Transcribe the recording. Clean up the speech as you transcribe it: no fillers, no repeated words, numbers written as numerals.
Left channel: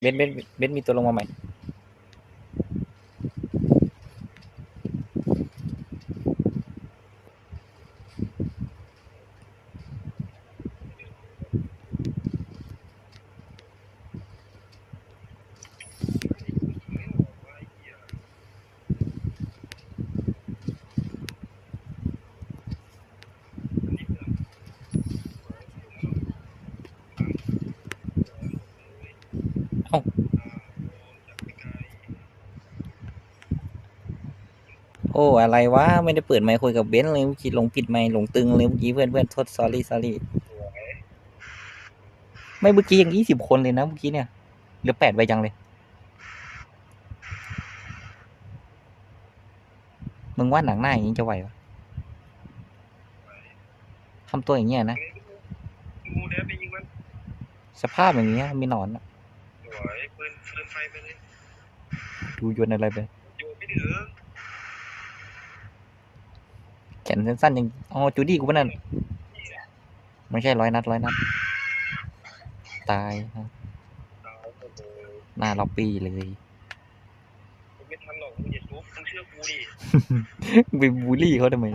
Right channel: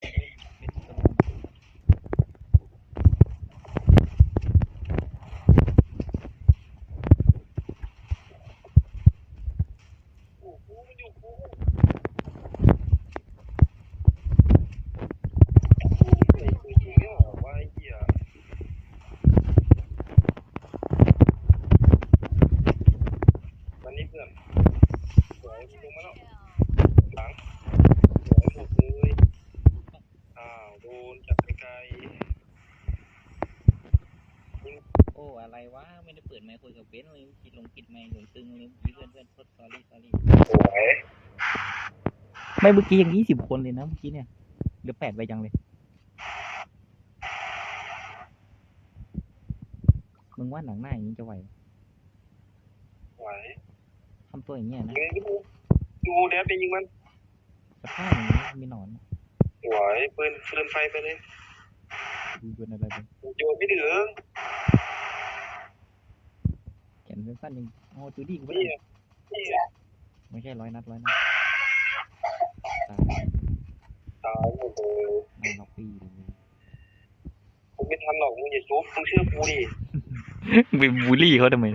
เบนมีตัวลงมาใหม่เอ้าโอ้อะไรวะไม่ได้เปิดไมค์คุยกับเบนเลยเมื่อกี้หลงปิดไมค์หลงตึงเลยเมื่อกี้เพื่อนโทษ sorry ไม่เมื่อกี้ยัง20 คนเลยนะเมื่อกี้เนี่ยเหลือ8ไปจังเลยมึงว่าหนังหน้าอย่างนี้จะไหวปะทำตัวอย่างเงี้ยนะดูเดี๋ยวไปยิงมันสภาพอย่างเงี้ยมีหนอนอะ สวยปืนไฟไปเลยดูโยนอะไรไป โยนไม่ถึงแขนสั้นๆยังอ๋อจูดี้กูปะนั่น นี่ไม่ใช่100 นัดตายนะ ตายหมดเลย หน้าล็อบบี้เลย ผมไม่ทำหรอกมึงอย่าซุบมึงเชื่อกูดิ ไปบูลลี่เขาทำไม